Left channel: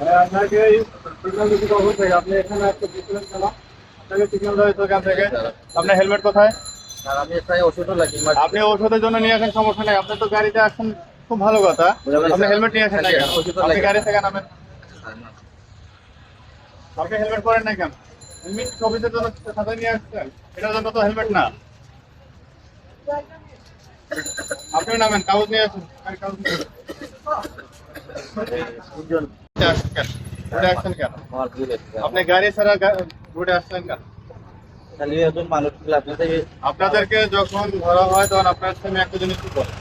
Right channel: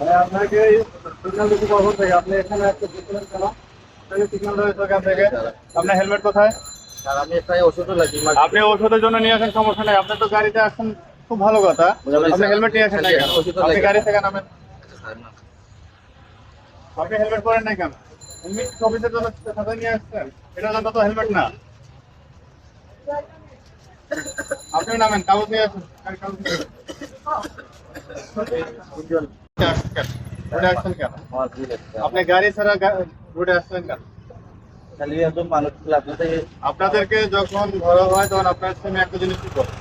আপনাকে সিগন্যাল দিতে কখন থেকে আপনি এখানে একটা দিচ্ছিলেন কেন? আপনাকে সিগন্যাল দেওয়া হয়েছে এখান থেকে। আপনার হেলমেট কোথায়? আমি প্রায় ওষুধও লাগি। আপনি ঔষধের জন্য নিয়ে আসেন, সমস্যা নেই। আপনি তো গাড়িতে আসছেন, খুব ভালো কথা। আপনি হেলমেট নিয়ে আসেন নাই কেন? আপনি গাড়ি থেকে নামেন। আপনি হেলমেট পরেন নাই কেন? হেলমেট অফিসের জন্য সাথে নিয়ে আসছেন, এটার জন্য তো হেলমেট না। আপনিও নামেন, কাগজ নিয়ে আসুন। গাড়ির কাগজ নিয়ে আসুন। আসছেন কেন? রোডে আসছেন কেন? আপনি গাড়ি ছাড়া রোডে আসছেন কেন? আপনাদেরকে যখন ধরা হয় তখন আপনার সামনে একটা জিনিস কি বলে,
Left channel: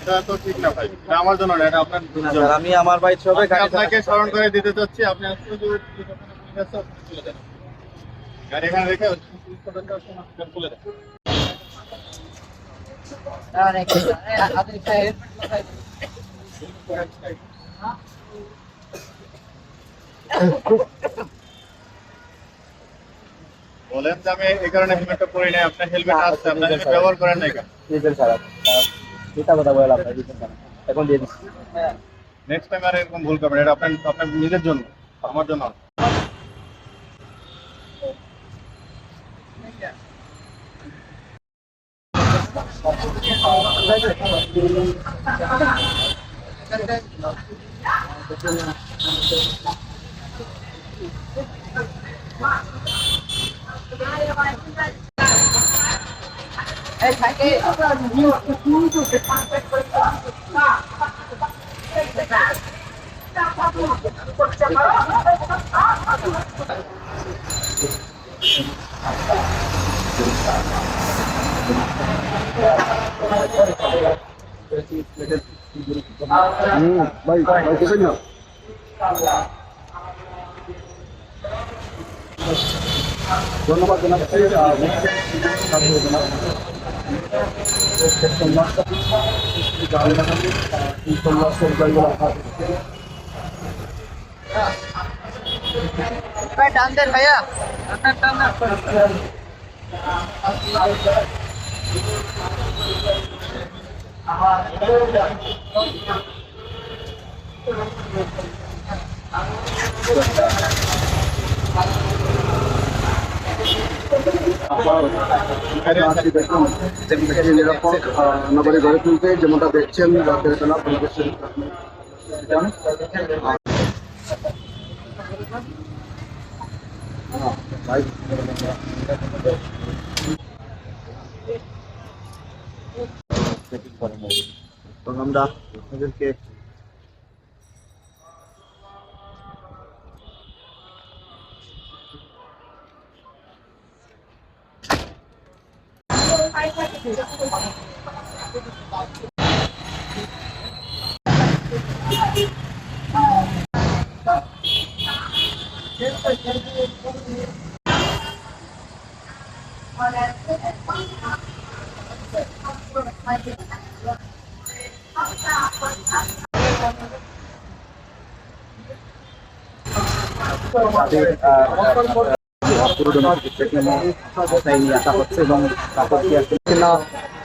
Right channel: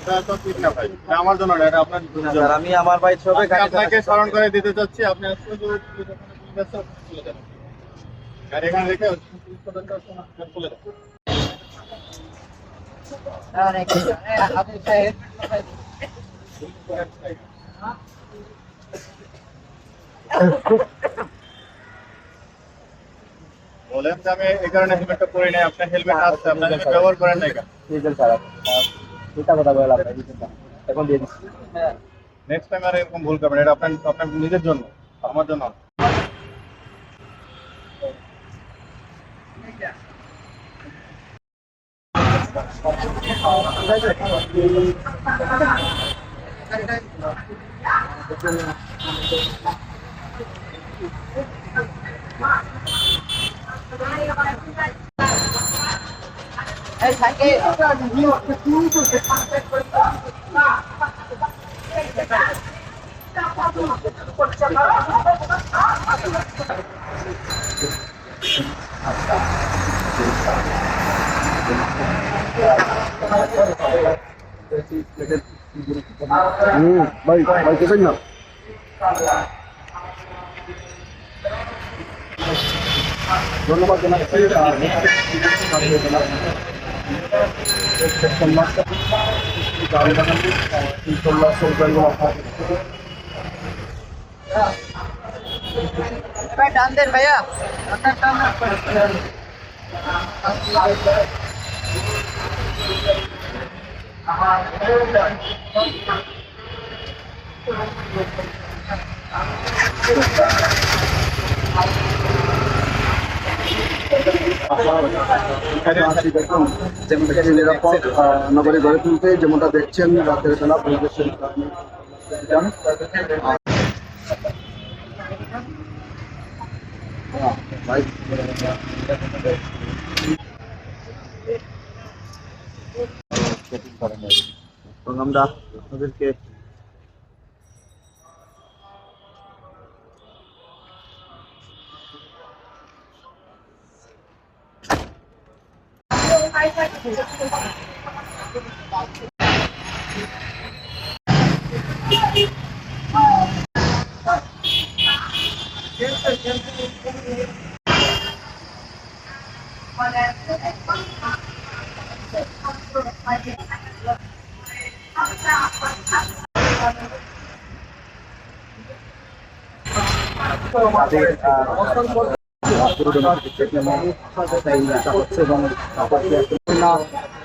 এটা তো ঠিক না ভাই, এটা আমার জন্য না, এটা আপনার জন্য। আমি আমার বাইক সবে গাড়ি আপনাকে স্মরণ করে দিতে চাচ্ছি, আপনি আসলে যে পুলিশ আছে ওখানে চলে যান। গাড়ি এখানে রেখে পুলিশ স্টেশনটা চলে যান। বলেন যে আমি এই কারণে হেলমেটটা পরি নাই, আপনার হেলমেট আসছে, আপনার হেলমেট ব্যবহার করেন নাই কেন? এখন দিয়ে দিচ্ছি। নেক্সট টাইম আর এরকম ভুল করবেন, এটা আপনার আপনার নিজের জন্য, আমার জন্য না। ভাই ভাই দেবেন না। ধন্যবাদ টান দেন ভাইয়া, টান দেন। নিরাপদ নগরে গড়ে তুলতে যেমনটা দেখছেন রাতের বেলা পরিবেশের আমরা আপনাদেরকে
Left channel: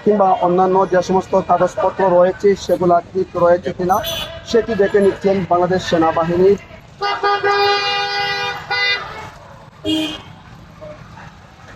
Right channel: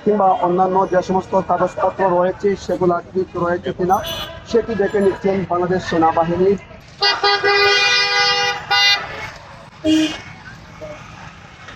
কিংবা অন্যান্য যে সমস্ত কাগজপত্র রয়েছে সেগুলো ঠিক রয়েছে কিনা সেটি দেখে নিচ্ছেন বাংলাদেশ সেনাবাহিনীর